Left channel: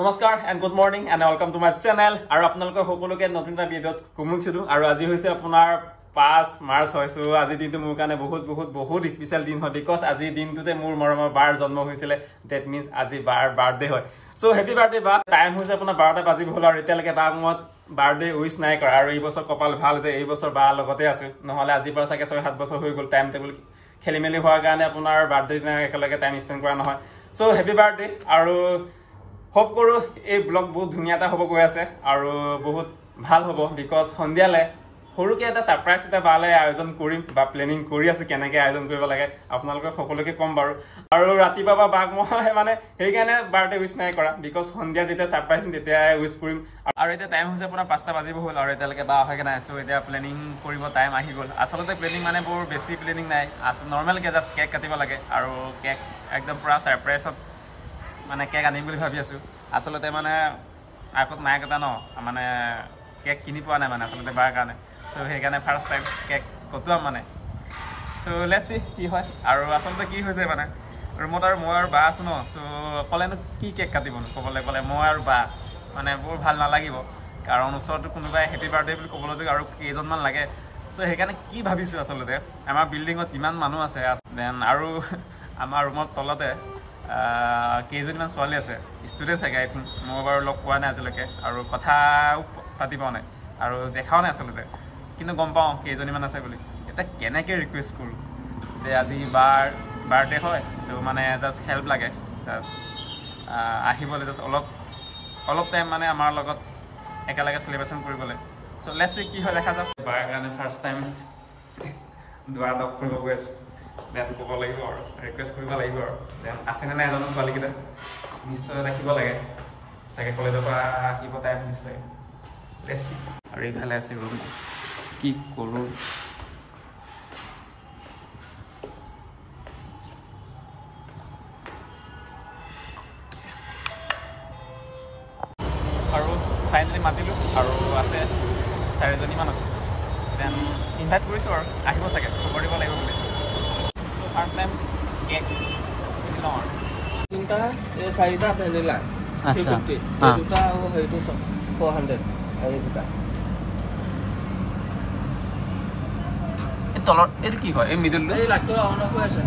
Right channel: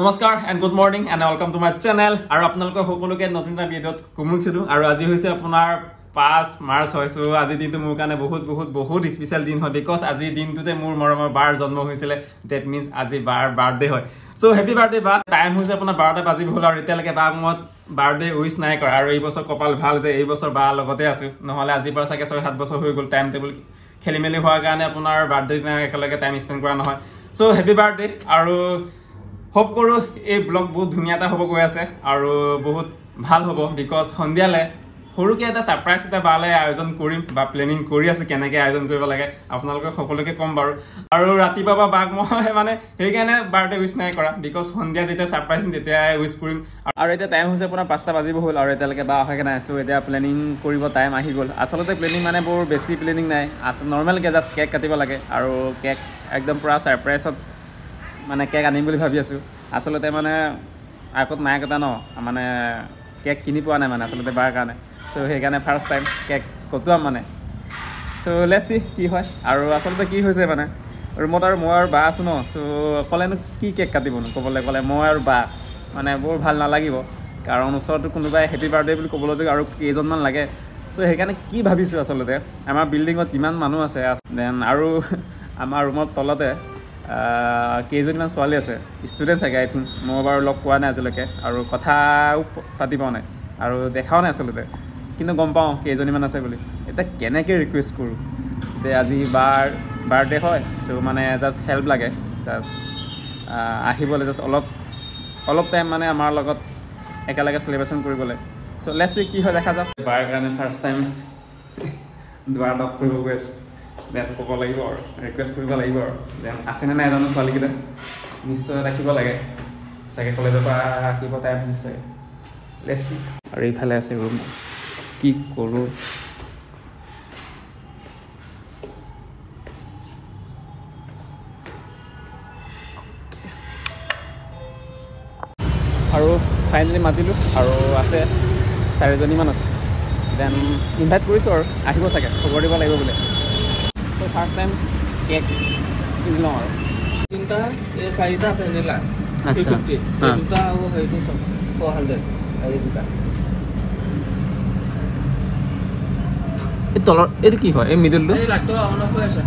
নমস্কাৰ and good morning and welcome to my channel আৰু আপোনালোকক সকলোকে নতুন এটা ভিডিঅত কুমুকছিলো আৰু আজি হৈছে আপোনাৰ 5 মাৰ্চ হৈছে আজি দিনটো মোৰ কাৰণে বহুত স্পেশাল দিন হয় because আজি দিনটোতে মোৰ মৰমৰ বাৰ জন্ম হৈছিল that means আজি বাৰ বাৰ্থডে হয় so happy birthday বা টাইম হৈছে আপোনাৰ 12টা বাজি হ'ল আৰু এতিয়ালৈকে বাক মই বাৰ্থডে উইশ নাই কৰা আৰু এই বছৰ কপাল ভাল যে এই বছৰ বা লগতে আছো নহলে আজি পৰা চাগে 6-7 বছৰ হৈ গল টাইম টেবল খেলিমেলি হোৱাৰ কাৰণে আপোনাৰ বাৰ্থডে না একেলগে টাইম স্পেন্ড কৰা নহয় so happy birthday আৰু hope কৰো এই ব্লগ বহুত ধুনিয়াটা হ'ব গৈ আছে আৰু বহুত ভাল হ'ব because সন্ধিয়ালে সৰুকে এটা সাৰপ্ৰাইজ এটা বালে আয়োজন কৰিম বা প্লেনিং কৰি আছে কেনেকৈ আয়োজন কৰিব লাগে আপোনালোকক সকলোকে কম বাৰু আৰু ৰাতি বাবা বাক মই মানে সেই কাৰণে বাৰ্থডে উইশ নাই কৰা because সন্ধিয়া যেতিয়া সাৰপ্ৰাইজ তেতিয়া উইশ কৰিম আৰু এটা টাইম হৈছে আপোনাৰ 5টা বাজিব হ'ল আৰু এতিয়ালৈকে বা আহাকে নাই আছো এতিয়া প্লেনিং কৰিব টাইম আহি গ'ল আসলতে প্লেনিং মানে বৰ বেছি প্লেনিং নাই নৰ্মেল কে জাস্ট কেক কাটিব লাগে আৰু কেক একদম পুৰা সাৰপ্ৰাইজত মানে কেক আনিম বুলি ভাবি আছো আসলতে মানে আগত নাই কথা ন মানে কেক কিনি পোৱা নাই মানে আসলতে বাৰ কাৰণে সো সেই কাৰণে ফাৰ্স্ট টাইম কেক কটুৱাম মানে সো লেটস সি কি হয় আৰু আসলতে কি হৈছে মানে ৰুমত আৰু মই আৰু বা আছো ন সো কলেনো কি কেক কাটিবনো ক'লে মই আৰু বা মানে বৰ ভাল নালাগিব কাৰণ ওচৰতো কোনোবাই হেপী বাৰ্থডে বুলি ক'বলৈ আৰু কেইজনমান লাগে সো সেই কাৰণে কি ভাবিছো আসলতে আমাৰ বিল্ডিঙত ইমান মানুহ আছে দেন আৰু আমাৰ ৰুমত তলতে কেইজনমান ছোৱালী আছে ষ্টুডেন্ট চাগে আই থিংক মই বাৰু লগ পোৱা নাই আজিলৈকে আৰু কথাও পাতি পোৱা নাই আৰু দেখাও নাই আসলতে কিন্তু গম পাওঁ কেইজনমান আছে বুলি এটা কেনেকৈ ৰিকুৱেষ্ট কৰোঁ যে আজি বাৰ্থডে হয় সো মানে জাষ্ট হেল্প লাগে জাষ্ট আহিবলৈ জাষ্ট অলপ টাইম মানে আমাৰ লগত একেলগে চেলিব্ৰেশ্যন কৰিবলৈ সো লেটস সি কি হয় দেখা যাওক বাৰ কাৰণে ফাৰ্ষ্ট টাইম দুৱাৰ লগ কৰিব গৈ আছোঁ দেন ক'ব লাগিব আৰু ৰিকুৱেষ্ট কৰিব লাগিব আৰু দেন আছেনে নাই এজনো ছোৱালীকেইটা নিশ্চয় ৰাখিব লাগে চাগে কলেজৰ পৰা আহিব টাইম নিশ্চয় লেটস সি আৰু এইফালে আছে ৰুম কি কৰোঁ আৰু ফাইনেলি মাতিলোঁ আৰু আছে 4জনীমান আছে দেন ইনভাইট কৰিছোঁ আৰু আহিব চাগে খবৰ দিব লাগিব বোলে so first time কেক কিনি লওঁ আৰু তিনটা এই চাৰিটা ভেনিলা আচ্ছা দুটা আৰু হেৰি 400 আৰু দুটা এই তলৰ এইটো কি হয় এই মিডলটো এই লাটো অন হৈ আছে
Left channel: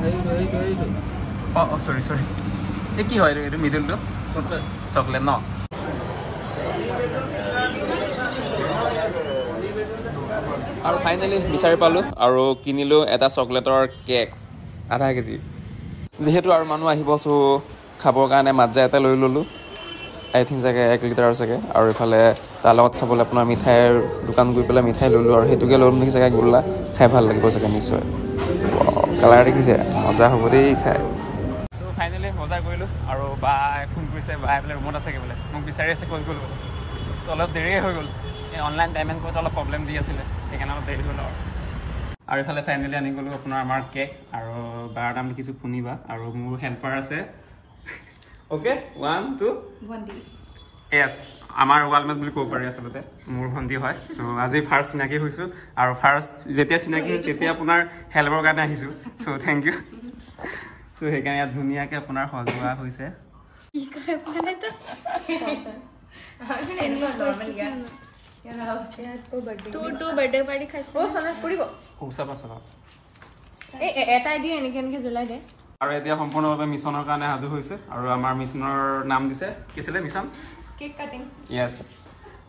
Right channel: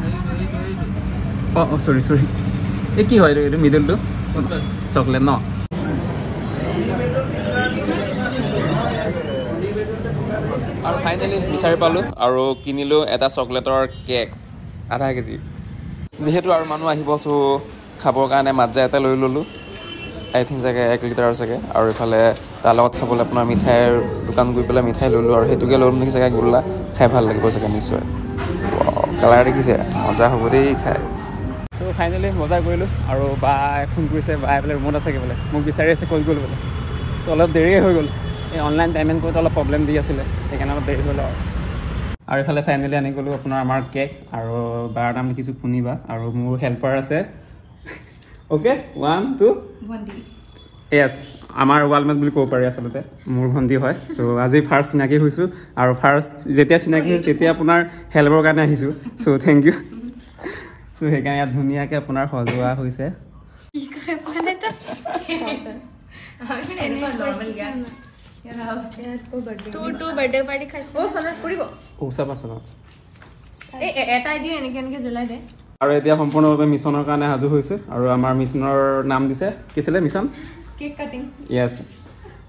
অ সৰি এই কি হয় এইটো মিডলটো চকলেট ন আৰু ফাইনেলি বিচাৰি পালোঁ আৰু কিনিলোঁ এটা চকলেটৰ কেক আধা কেজি যিহেতু আৰু মানুহ আহিব চ' খাবৰ কাৰণে মাজ্জা এটা লৈ ল'লোঁ আই থিংক চাগে 1 লিটাৰ চাগে আৰু ইফালে তাৰ লগত খাবলৈ আপোনাৰ মিঠাইৰ দোকান গৈ পেলাই মিঠাই ল'লোঁ আৰু সেইটোকে ল'লোঁ নেকি চাগে গোল্লা খাই ভাল লাগিব চাগে নিশ্চয় কালাৰ দেখিছে মজা হ'ব দেই খাই চ' ফাইনেলি মজা কৰিলোঁ আৰু বাই ফোন কৰিছে বাই বোলে ৰুমত আছে বোলে মোক বিচাৰি আছে ক'ল গ'ল বোলে চ' অলপ দেৰিয়ে হৈ গ'ল এই অনলাইন পে'মেণ্ট কৰোঁতে অলপ প্ৰব্লেম দি আছিলে সেইকাৰণে অলপ দেৰি হ'ল আৰু ইফালে ফাইনেলি আনি গ'লোঁ আপোনাৰ আমাৰ কেক আৰু বাৰ নাম লিখিছোঁ শুনিবা আৰু মোৰ হেল্পাৰ আছে অ'কে 1 2 য়েছ আমাৰ ৱালমেট বুলি ক'ব পাৰি আচলতে মোৰ ভণ্টি হয় চ' আজি ফাৰ্ষ্ট চিনাকি হৈছোঁ আৰু ফাৰ্ষ্ট যেতিয়া চিনাকি হৈছোঁ তেতিয়া আপোনাৰ হেল্পৰ কাৰণে আহিছোঁ চ' থেংক ইউ চ' সেইকাৰণে ইয়াত ধুনীয়াকৈ আপোনাৰ সজোৱা হৈছে টু বাৰ্থডে পাৰ্টি খাইছে ও সনত কৰিব ও সব আছে ন এটা দিয়ে এনেকে জ্বলাই দিয়ে আৰু এতিয়া সম্পূৰ্ণভাৱে মিছনৰ কাৰণে সাজু হৈছে আৰু আমাৰ মিছনৰ নাম দিছে কি আছিলে মিছন কেক কাটিং য়েছ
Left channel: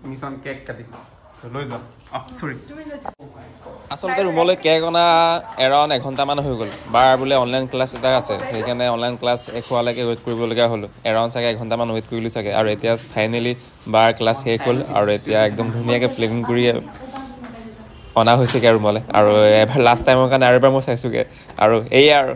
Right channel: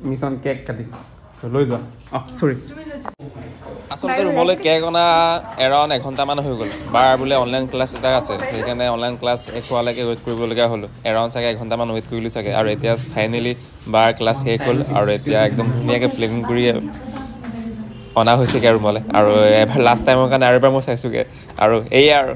মিছন কেক কাটিং চ' লৈ যোৱা সৰি আচলতে ৰুমলৈ কেক অনা এৰাউণ্ড 1 ঘণ্টামান হৈ গ'ল বাৰ বোলে অনলাইন ক্লাছ এটা আছে সেইকাৰণে অনলাইন ক্লাছ শেষ হোৱালৈকে ৱেইট কৰিবলগীয়া হ'ল এৰাউণ্ড চাগে 1 ঘণ্টামান ৱেইট কৰিলোঁ চাগে আৰু এতিয়া ফাইনেলি বাৰ ক্লাছ শেষ হ'ল আৰু এতিয়া একদম ধুনীয়াকৈ প্লেনিং কৰি অনা হৈছেগৈ ৰুমলৈ আৰু এবাৰ লাষ্ট টাইমৰ কাৰণে আৰু এবাৰ মই চাইছোঁগৈ আৰু এয়াই আৰু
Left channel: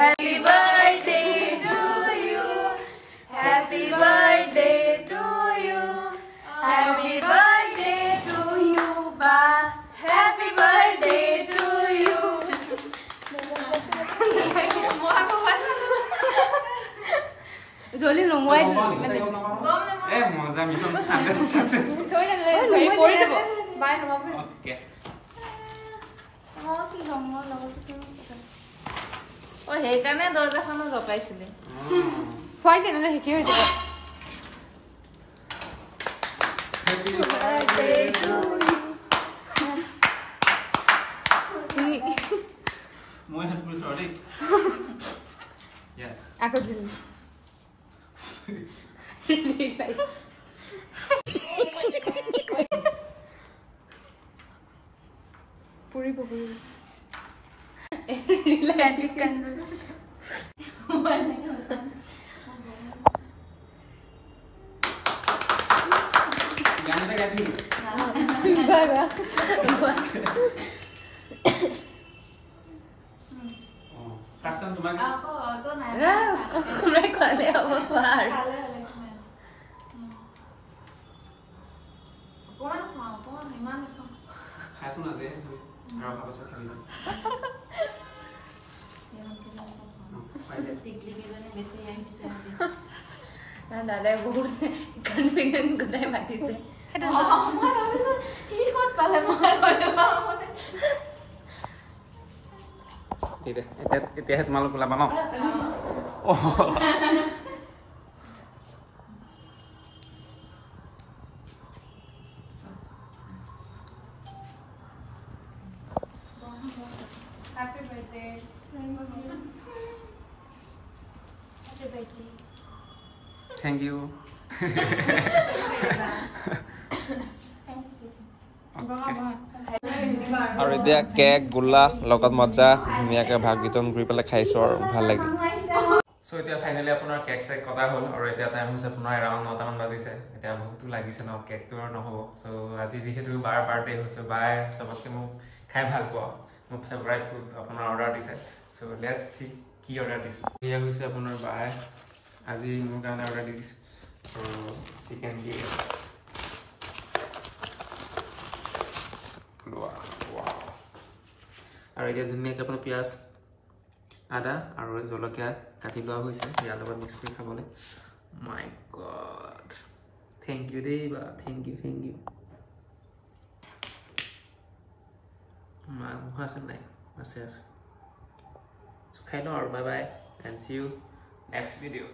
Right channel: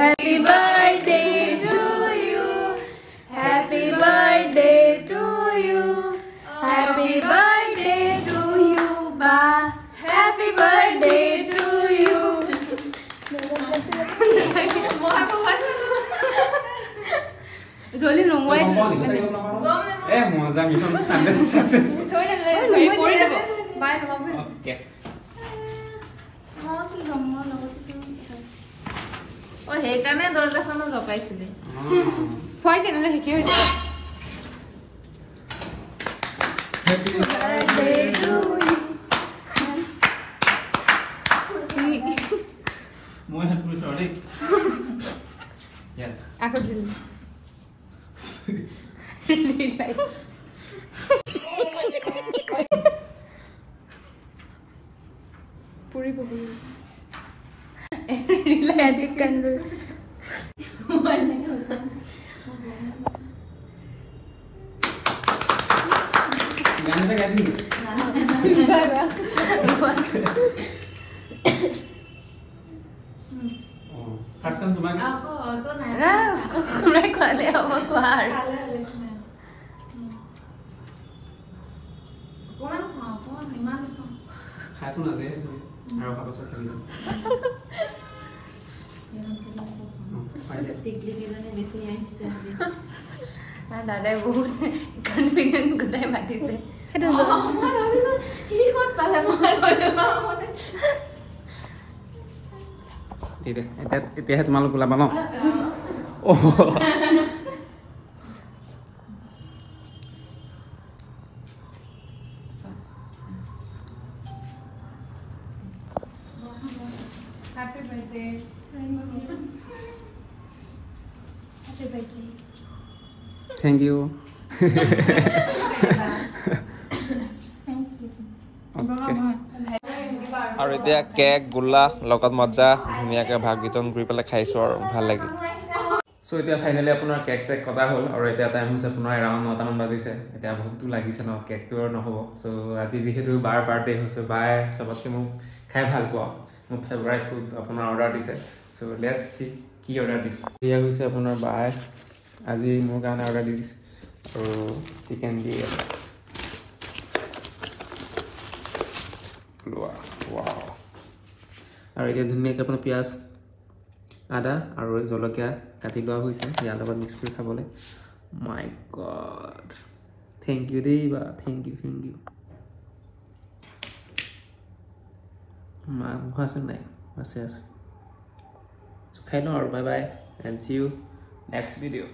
Happy birthday to you. Happy birthday to you. Happy birthday to you, ba. Happy birthday to you. মজা মিছন 100 সাকসেসফুল থৈ দিলে কৰি যাব বাই নমাব ওকে ও সেইকাৰণে দৰ্জাখনো লগাইছিলে খুৱাই দিলে শিকি হৈ যাব মই হেড পুলিশ আৰু দেই yes আকৌ জিল पूरी पूरी मैजिक कैंडल्स गाना सा याद नहीं फर्स्ट टाइम तुम्हारे আকৌ অটো নাই मैं खाले अब बाहर অকমান খাওঁ অকমান ইমান নাখাওঁ খাইছো না যে আৰু খাবছ খালি টিকলি কেইজনী বেছি আহিছে दादा बहुत कॉन्फिडेंट कुताई बातिছে মই ভাবিছো কি ক'ত পালে এতিয়া তোমালোক ওলাবা ন happy birthday happy birthday thank you আৰু এতিয়া কেক গোল্লা লগত মজা ধুনীয়াকৈ ভাগ বিতৰণ কৰি পেলাই খাইছোঁ আৰু ভাল লাগিল চ' এতিয়া ফাইনেলি আপোনাৰ কেক চেক কটা হ'ল আৰু এতিয়া টাইম হৈছে আপোনাৰ এৰাউণ্ড 9টামান বাজিছে এতিয়া ভোকটো লাগিছে ন কেকটো আৰু নহ'ব চ' আজি যিহেতু বাৰ বাৰ্থডে হৈছে বাই চবতকৈ মোক খাই ভাল পোৱা মোৰ ফেভৰাইট ফুড আপোনাৰ অৰ্ডাৰ দিছে চ' লেটছ চি কি অৰ্ডাৰ দিছে এয়া হৈছে আপোনাৰ বাই আজি মোৰ কাৰণে অৰ্ডাৰ দি দিছে আৰু চিকেন দিয়ে আৰু এতিয়া ধুনীয়াকৈ আপোনাৰ পিঁয়াজ আদা আৰু জলকীয়া কাটি লোৱা হৈছে ইয়াৰ লগত মিক্স কৰি খাবলৈ মাই গড থেংক ইউ দেই বা থেংক ইউ মাংস আছে নাই আছে খাই লওঁ আৰু bye bye and see you next video'